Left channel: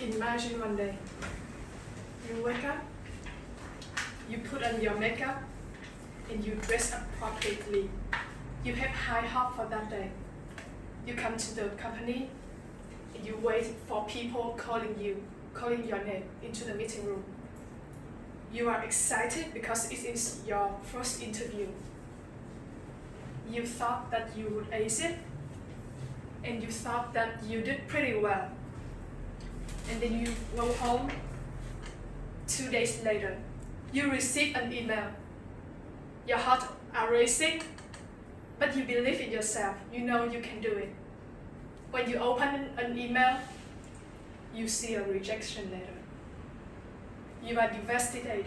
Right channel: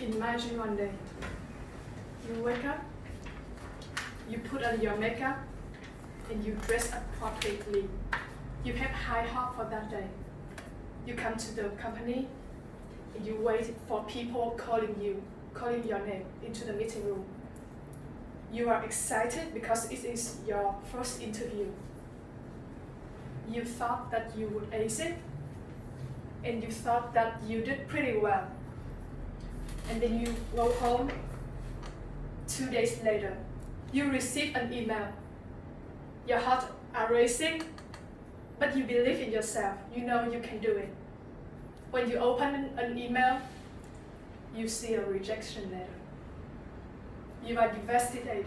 Imagine one day, you wake up, you put on your makeup, and you dress appropriately. You have high hope for that day. You come to the company, and you wait for people calling your name into the meeting room. You are excited because it is your first interview. You thought that you would ace it, and you thought that you did pretty well. And then you go home. 2 days later, you receive an email. Your heart are racing, but you believe in yourself. You know you can do it. When you open an email, you see a rejection letter. You are devastated.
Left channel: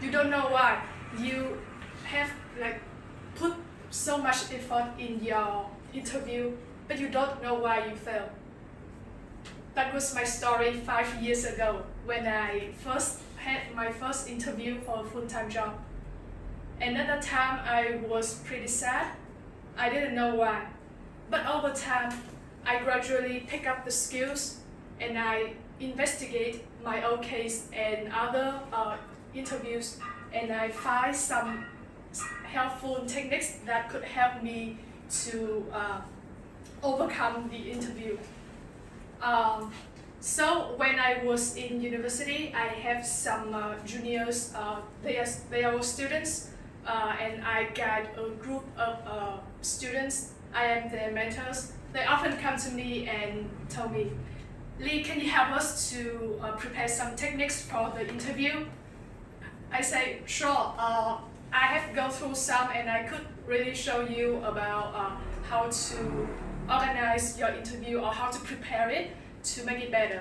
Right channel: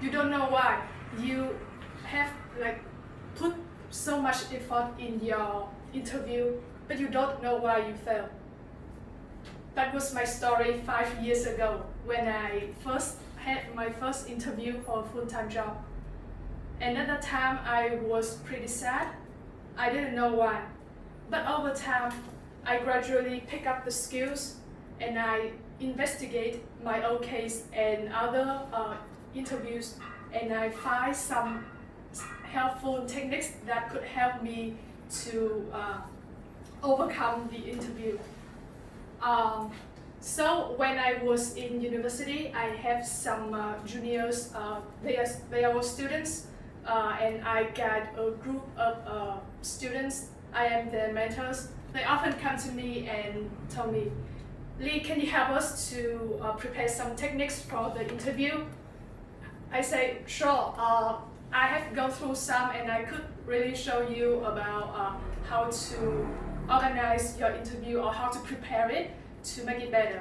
You don't know why. You have put so much effort in your interview, but you don't know why you failed. That was my story 5 years ago when I first had my first interview for a full-time job. And at that time, I was pretty sad. I didn't know why. But over time, I gradually pick up the skills and I investigate my own case and other interviews, and I find some helpful techniques that could help me to overcome the interview. So when I was in university, I have some juniors, they are students, and I guide a group of students. I am their mentors. They often come to me and tell me, Lee, can you help us to prepare some techniques for the interview? I say, sure. I have gone through some, and I could really show you about how to organize your interview or how to prepare it to make it better.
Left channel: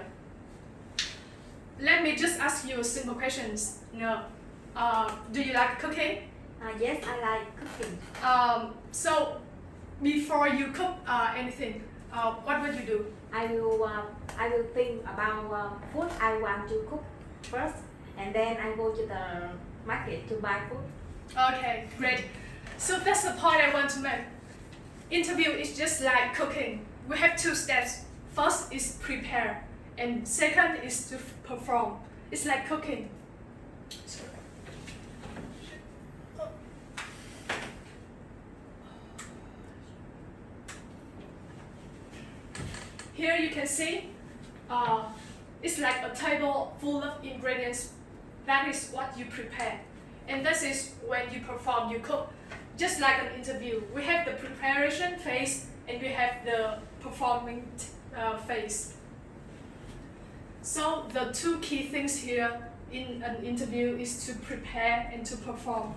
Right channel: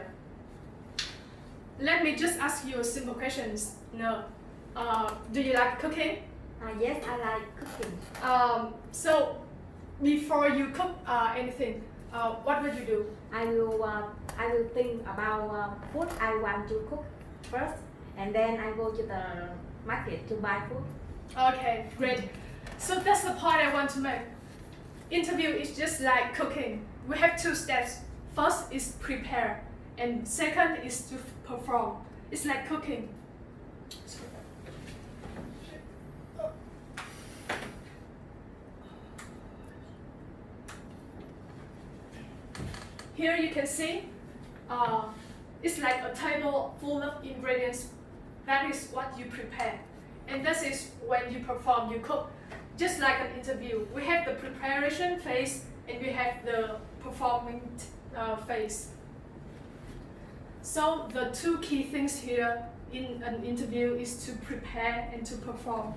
Let me just ask you a simple questions. Do you like cooking? Yes, I like cooking. So before you cook anything, what would you do? I will think about food I want to cook first, and then I go to the market to buy food. Okay, great. So that's the point I want to make. Interview is just like cooking. We have 2 steps. First is prepare, and second is to perform. It's like cooking. Here you can see, it's like a table full of ingredients. That is what you prepare. And this is when you perform, you cook. Just like an interview, we have the preparation phase and we have the performing phase. So the 2 key things here in an interview is to prepare and to perform.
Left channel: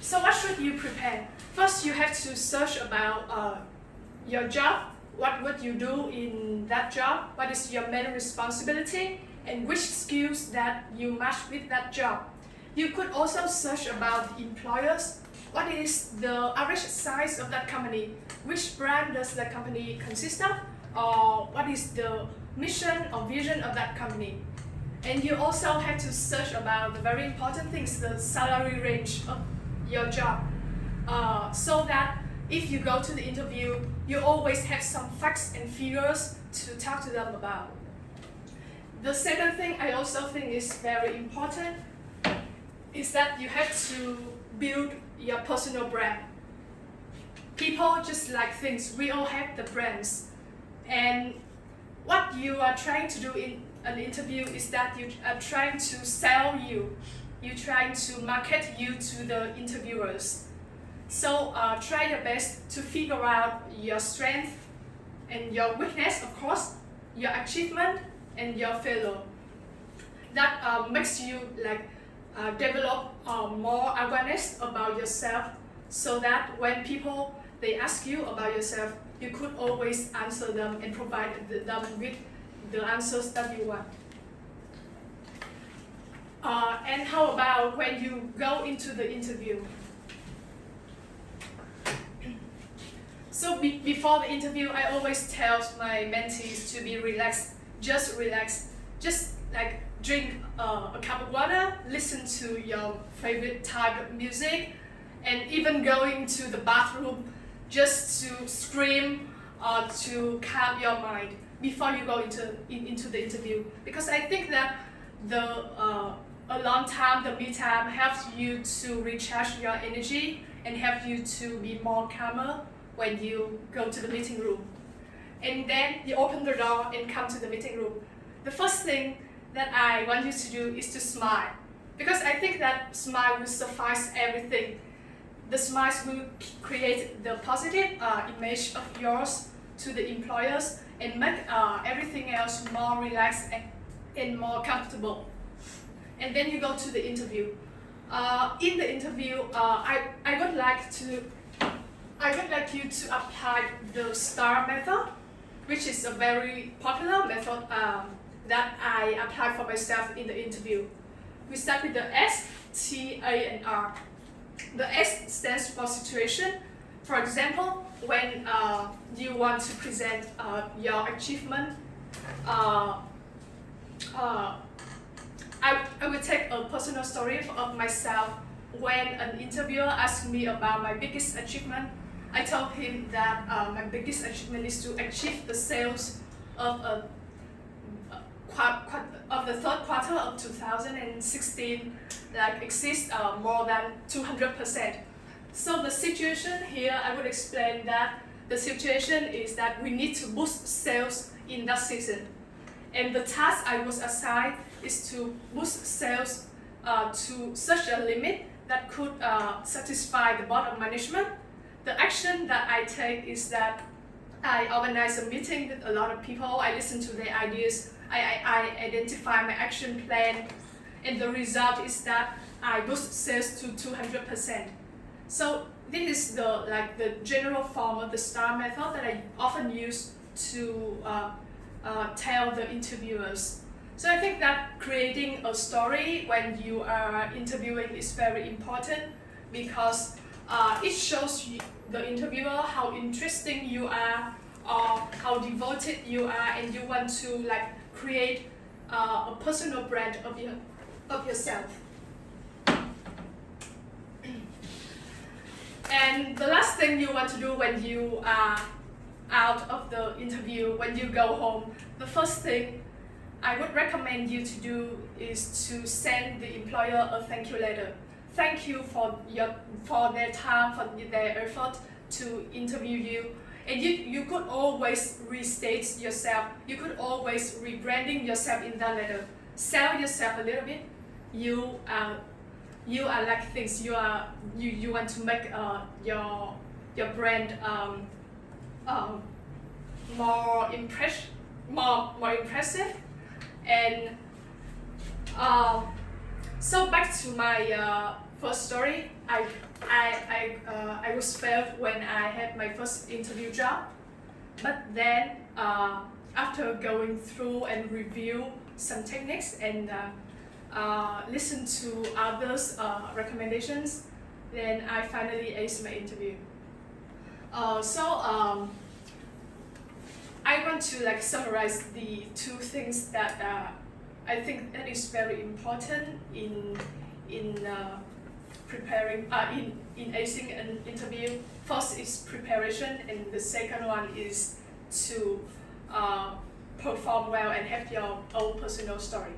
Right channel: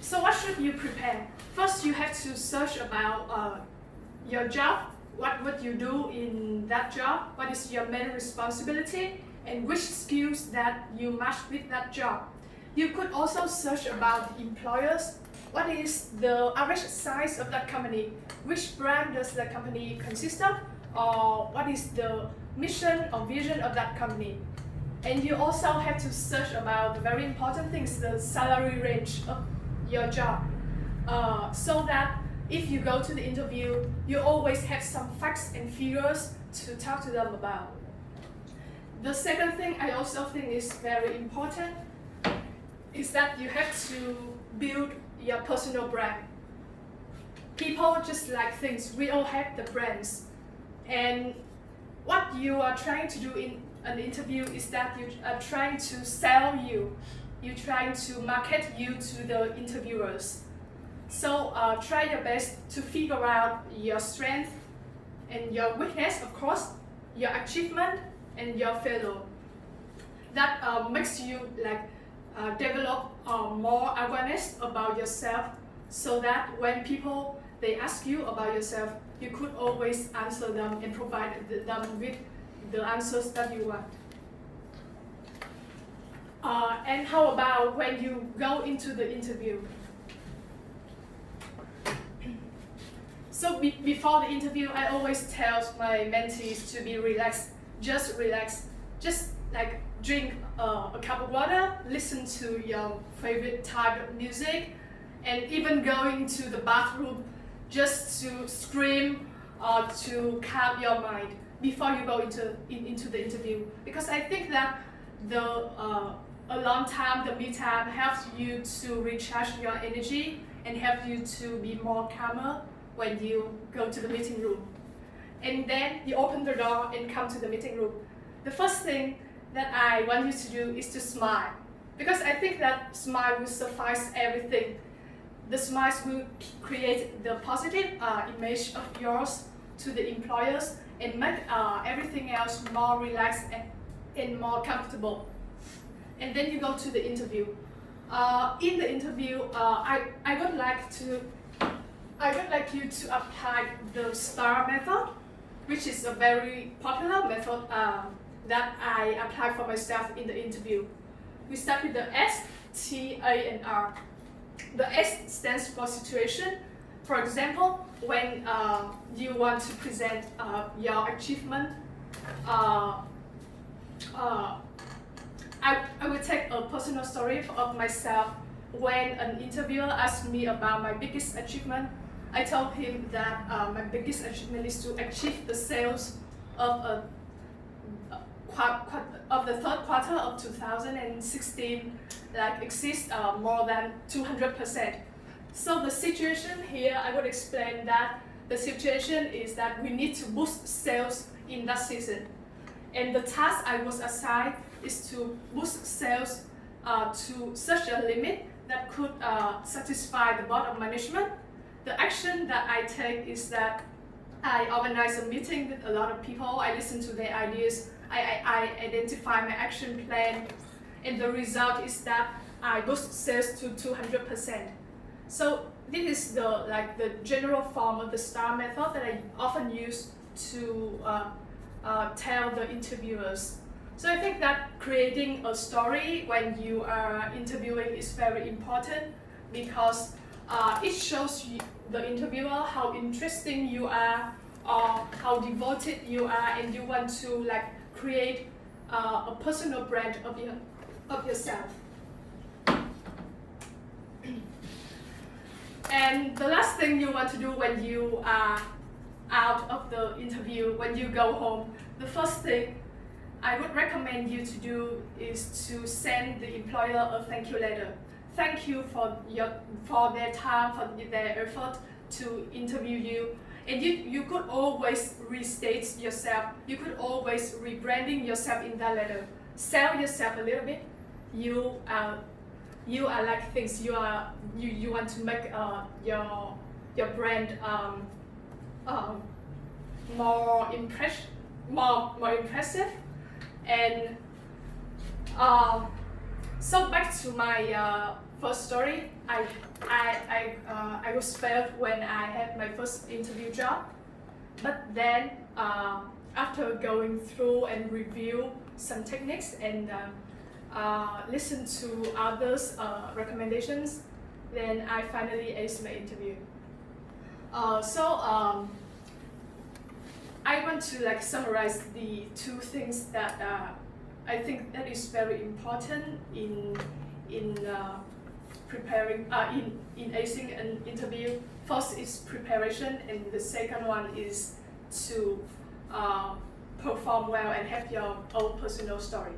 So what should you prepare? First, you have to search about your job. What would you do in that job? What is your main responsibility? And which skills that you match with that job? You could also search about employers. What is the average size of that company? Which brand does that company consist of? Or what is the mission or vision of that company? And you also have to search about the very important things, the salary range of your job. So that if you go to the interview, you always have some facts and figures to talk to them about. The second thing I also think is very important is that you have to build your personal brand. People just like things. We all have the brands. And what you are trying to do in an interview is that you are trying to sell you. You're trying to market you to the interviewers. So try your best to figure out your strength and your weakness, of course, your achievement and your failure. That makes you develop more awareness about yourself, so that when people they ask you about yourself, you could always answer them and provide them with the answers that you want. And how about when you go into the interview? So before the interview, I always tell my mentees to be relaxed. Just relax. Just drink a cup of water, listen to your favorite type of music, and even going to the bathroom just to scream to calm your mind before you go into the interview. Because I think that alone time, the me time, helps you to recharge your energy and help you to be more calmer when you go to the meeting room. And then you open the door and come to the meeting room. The first thing that I want you to do is to smile, because I think that smile will suffice everything. The smiles will create the positive image of yours to the employers and make everything else more relaxed and more comfortable. And then you go to the interview. In the interview, I would like you to apply the STAR method, which is a very popular method that I apply for myself in the interview. We start with the S, T, A, and R. The S stands for situation. For example, when you want to present your achievement, I will take a personal story of myself. When an interviewer asked me about my biggest achievement, I told him that my biggest achievement is to achieve the sales of the third quarter of 2016, like exceeds more than 200%. So the situation here, I would explain that the situation is that we need to boost sales in that season. And the task I was assigned is to boost sales to such a limit that could satisfy the board of management. The action that I take is that I organize a meeting with a lot of people. I listen to their ideas. I identify my action plan, and the result is that I boost sales to 200%. So this is the general form of the STAR method that I often use to tell the interviewers. So I think that creating a story when you are interviewing is very important, because it shows the interviewer how interesting you are or how devoted you are, and you want to create a personal brand of yourself. And the last thing you want to do when you are out of the interview, when you go home, the first thing I would recommend you to do is to send the employer a thank you letter. Thank you for their time, for their effort to interview you. And you could always restate yourself. You could always rebranding yourself in that letter. Sell yourself a little bit. You are like things. You want to make your brand more impressive. And so back to my first story. I was failed when I had my first interview job, but then after going through and review some techniques and listen to others' recommendations, then I finally aced my interview. I want to summarize the two things that I think that is very important in preparing in acing an interview. First is preparation, and the second one is to perform well and have your own personal story.